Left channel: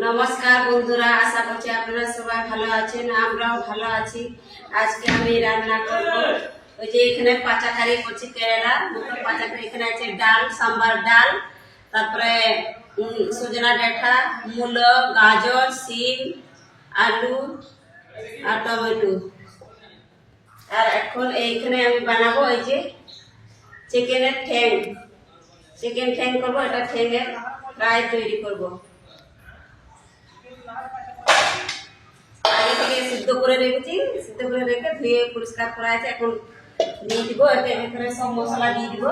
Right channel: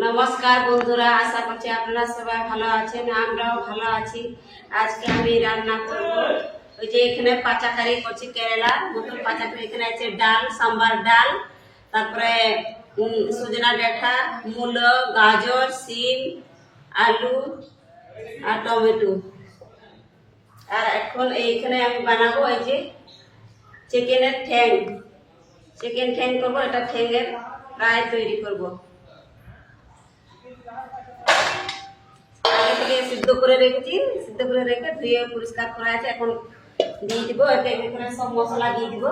নমস্কার বন্ধুরা, আশা করছি আপনারা সবাই ভালো আছেন। আমরাও ভালো আছি। আজকে আমি রান্না করব ওই যে এখানে পাচাকারি করছি, কেরালা মতো পাচাকারি। এখানে আছে ডাল, সাম্বার ডাল, তারপরে সজনা ডাঁটা, মূলো, গাজর, সিম, আলু আর টমেটো। আর এখন এইখানে আমি বানাবো এই যে চিকেনের ঠ্যাং, চিকেন ঠ্যাং করবো। এটা ঠ্যাংয়ের ফ্রাই তৈরি করবো। আগে থেকে সিদ্ধ করে রেখেছি, সিদ্ধ করে রেখে ধুয়ে পরিষ্কার করা আছে। এখন দিয়ে দিব এখানে সব মশলা দিয়ে দিব।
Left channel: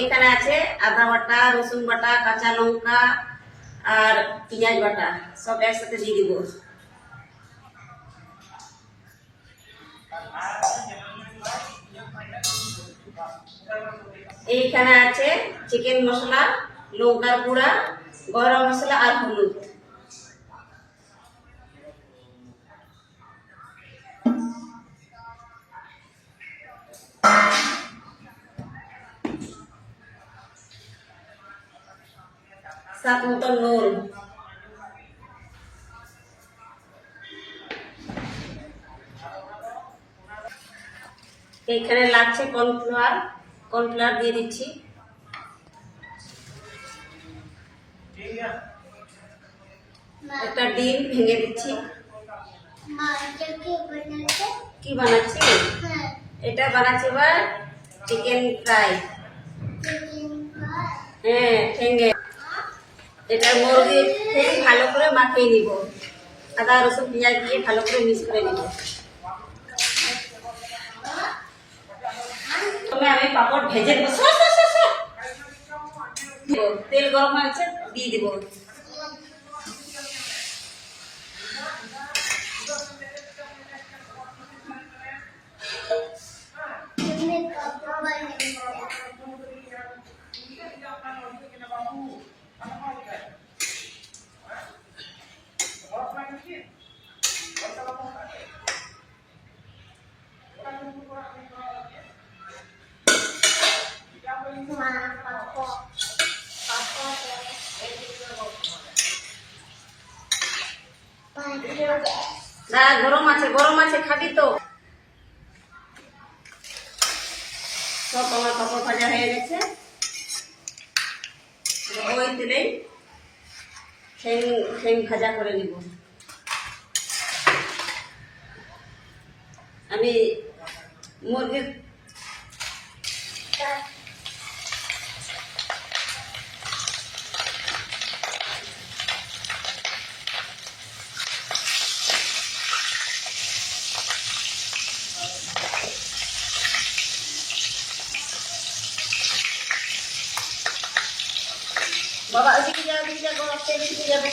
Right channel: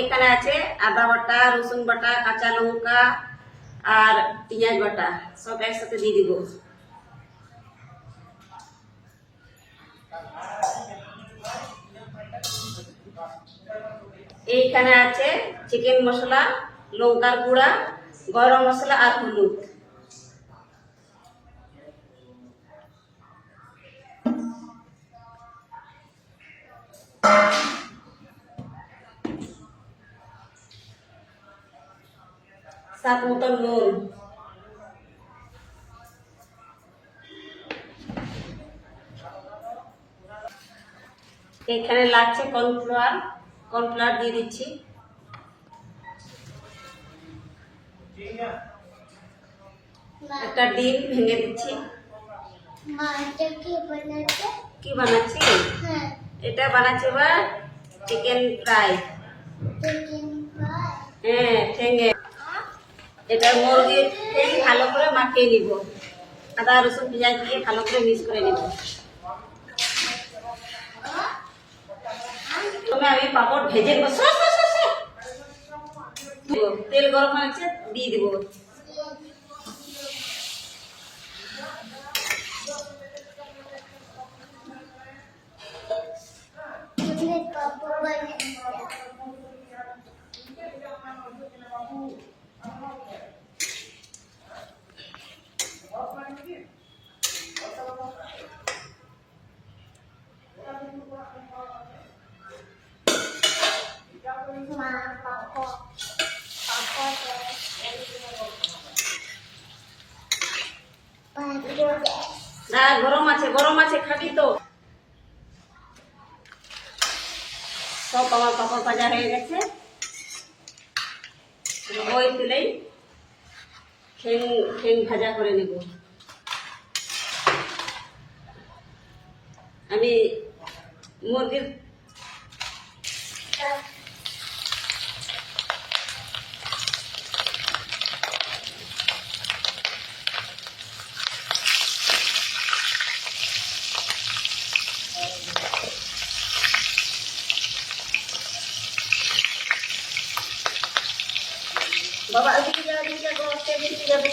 এখানে আছে আদা বাটা, রসুন বাটা, কাঁচা লঙ্কা আর পেঁয়াজ বাটা, সব একসাথে দিয়ে দিব। এইখানে আছে চিকেন মশলা, লঙ্কার গুঁড়া, গরম মশলা আর হলুদ। স্বাদ মতো নুন। এখানে লাগছে কর্নফ্লাওয়ার, কর্নফ্লাওয়ার দিয়ে দিচ্ছি। একটা ডিম ভেঙে দিচ্ছি। কি বানাচ্ছি? এটা বানাচ্ছি এবার চিকেন ফ্রাই। হ্যাঁ, ঠেঙ্গে। এটা মুরগির ঠ্যাং ভালো করে মাখিয়ে নিব, আদা রসুন পেঁয়াজ দিয়ে ভালো করে মিক্স করে নিব। আমি পাপড় ভেজে দেবো, তেল গরম হয়েছে দিয়ে দিব। গরম আছে, গরম আছে, খাবি তো? সব আমার পাপড় ভাজা হয়ে গেছে। ওই তেলেই ঠ্যাং ভাজা করে নিব। আমি মুরগির বাবা ওইদিকে যাবে, ওইদিকে যাবো, ওইদিকে যাবে।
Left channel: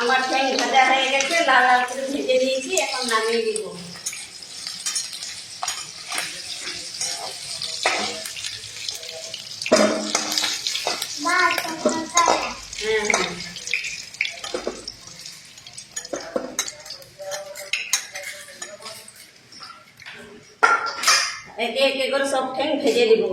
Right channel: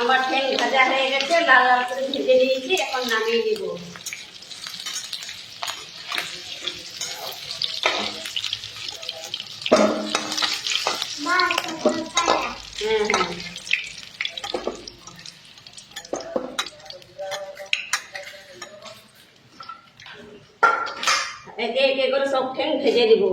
আমার ঠ্যাং ভাজা হয়ে গেছে, লাল লাল করে ভেজে নিয়েছি। এখন নামিয়ে দিব। হ্যাঁ হ্যাঁ, একে একে করে সব ঠ্যাং ভেজে দিব।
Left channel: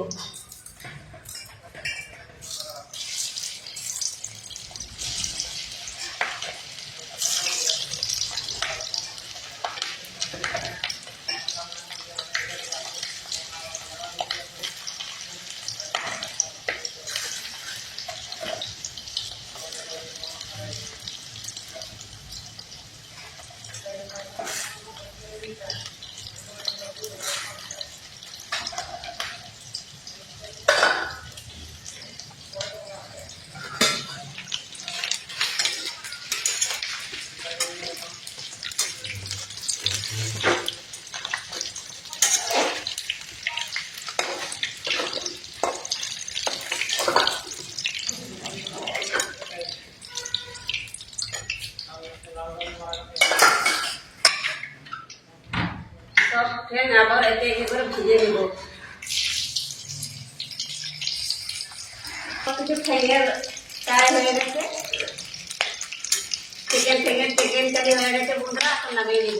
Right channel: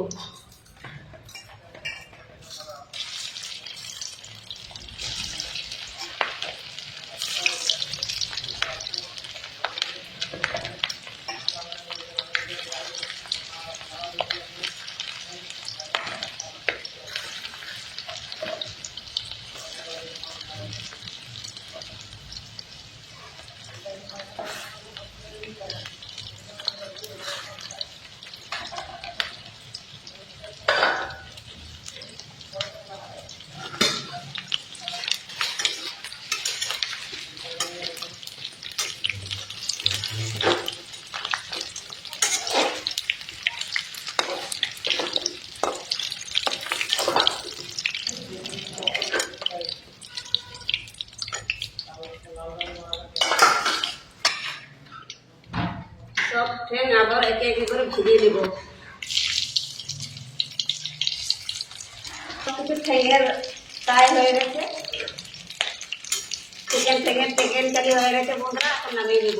সব ঠ্যাং আবার একে একে করে ভেজে নেব। কিছু ঠ্যাঙের ফ্রাই হয়ে গেছে, চিকেন কারি হয়ে গেছে বন্ধুরা, এখন নামিয়ে নেব।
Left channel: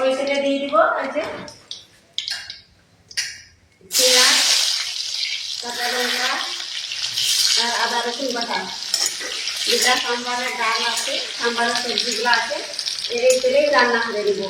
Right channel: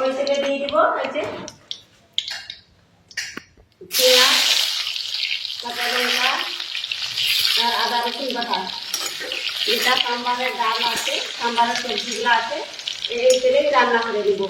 ওই তেলে দিয়ে দিব এই যে পেঁয়াজ, কাঁচা লঙ্কা আর আদা রসুন বাটা। যেটা সাম্বারের ডাল আছে, সাম্বারের সবজিগুলো আছে, এই তেলেই রান্না করে দেব।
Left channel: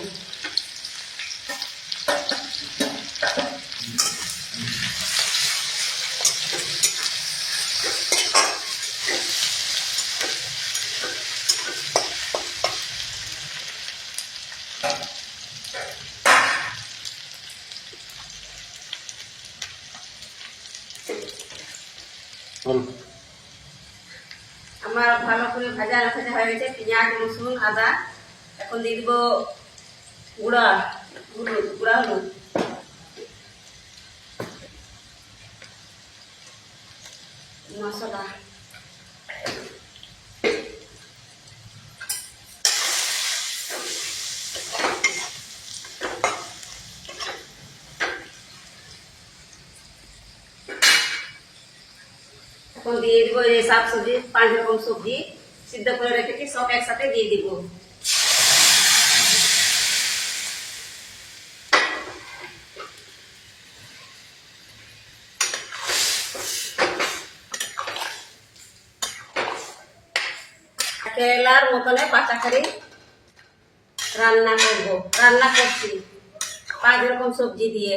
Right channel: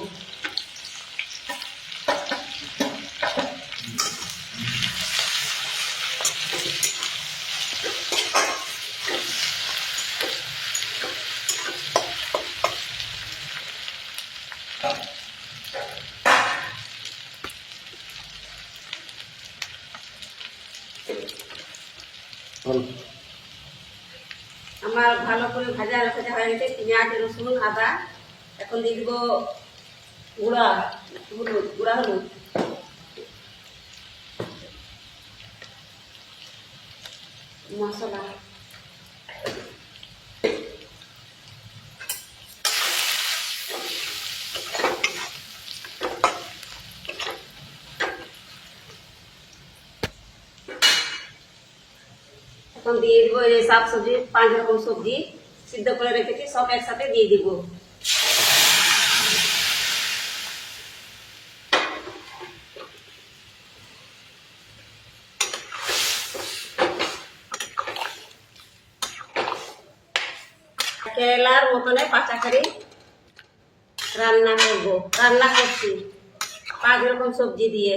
আমার ভালো করে ভাজা হয়ে গেছে পেঁয়াজ, রসুন, আদা। এখন দিয়ে দিব গুঁড়া হলুদ, মশলা। এখন দিয়ে দিব এই শাক সবজি, 5 রকম সবজি সিদ্ধ করে রেখেছি, সব একসাথে দিয়ে দিব। কেরালার মতনে পাচাকারি রান্না করছি 5 রকম সবজি দিয়ে।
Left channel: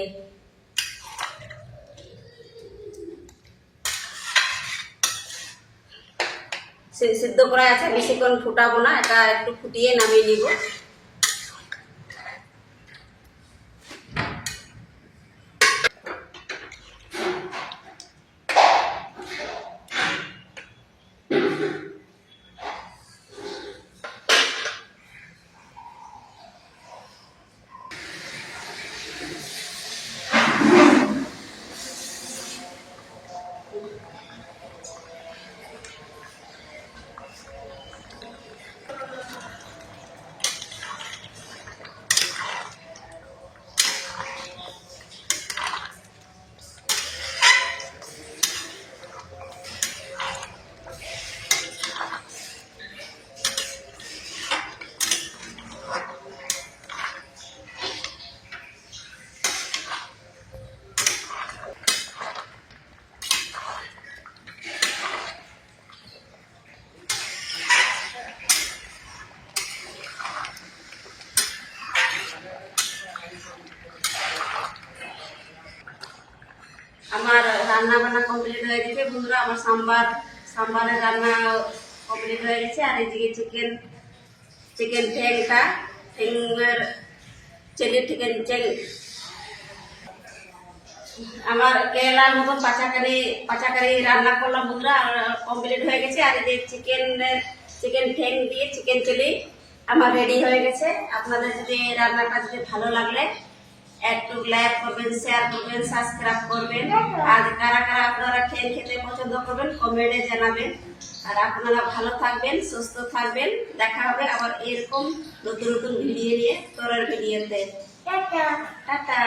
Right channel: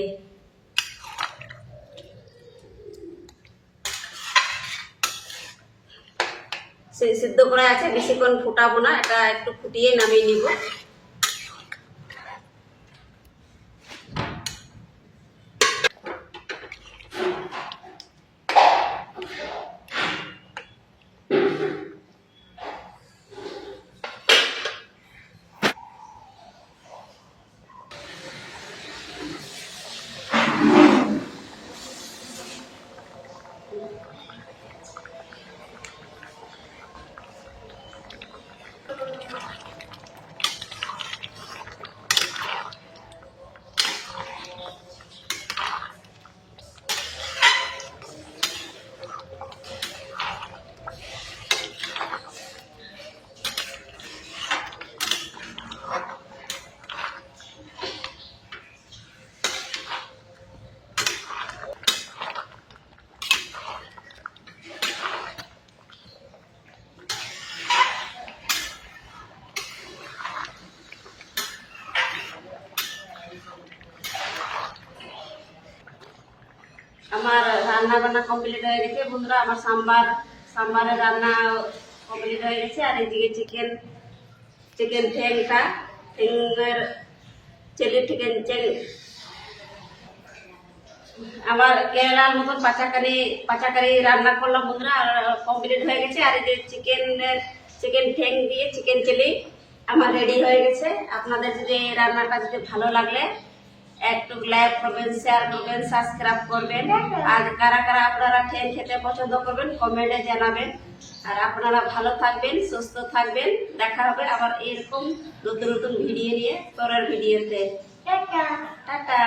সিদ্ধ করা আছে, বেশিক্ষণ ফুটাবো না, এটা একটু ফুটিয়ে নামিয়ে নিব। আমার রান্না বান্না কমপ্লিট হয়ে গেছে বন্ধুরা। আমার সাম্বারের রান্না কমপ্লিট হয়ে গেছে। আর এদিকে চিকেন ঠ্যাঙের চিলি আমার কেরালার মতো পাচাকারি রান্না করলাম বন্ধুরা, আর কমপ্লিট হয়ে গেছে। আর এই যে চিকেন ঠ্যাং দিয়ে চিকেন চিলি আমার রেডি হয়ে গেছে। আপনাদের যদি এই রান্নাটা যদি ভালো লাগলে একটু লাইক করবেন, শেয়ার করবেন, সাবস্ক্রাইব করবেন। আর কারা আপনারা খেতে পছন্দ করবেন কমেন্টে জানাবেন। আর আপনারা ভালো থাকবেন, সুস্থ থাকবেন। দেখা হবে আবার এরকম নতুন ভিডিও নিয়ে পরের ভিডিওতে। টাটা।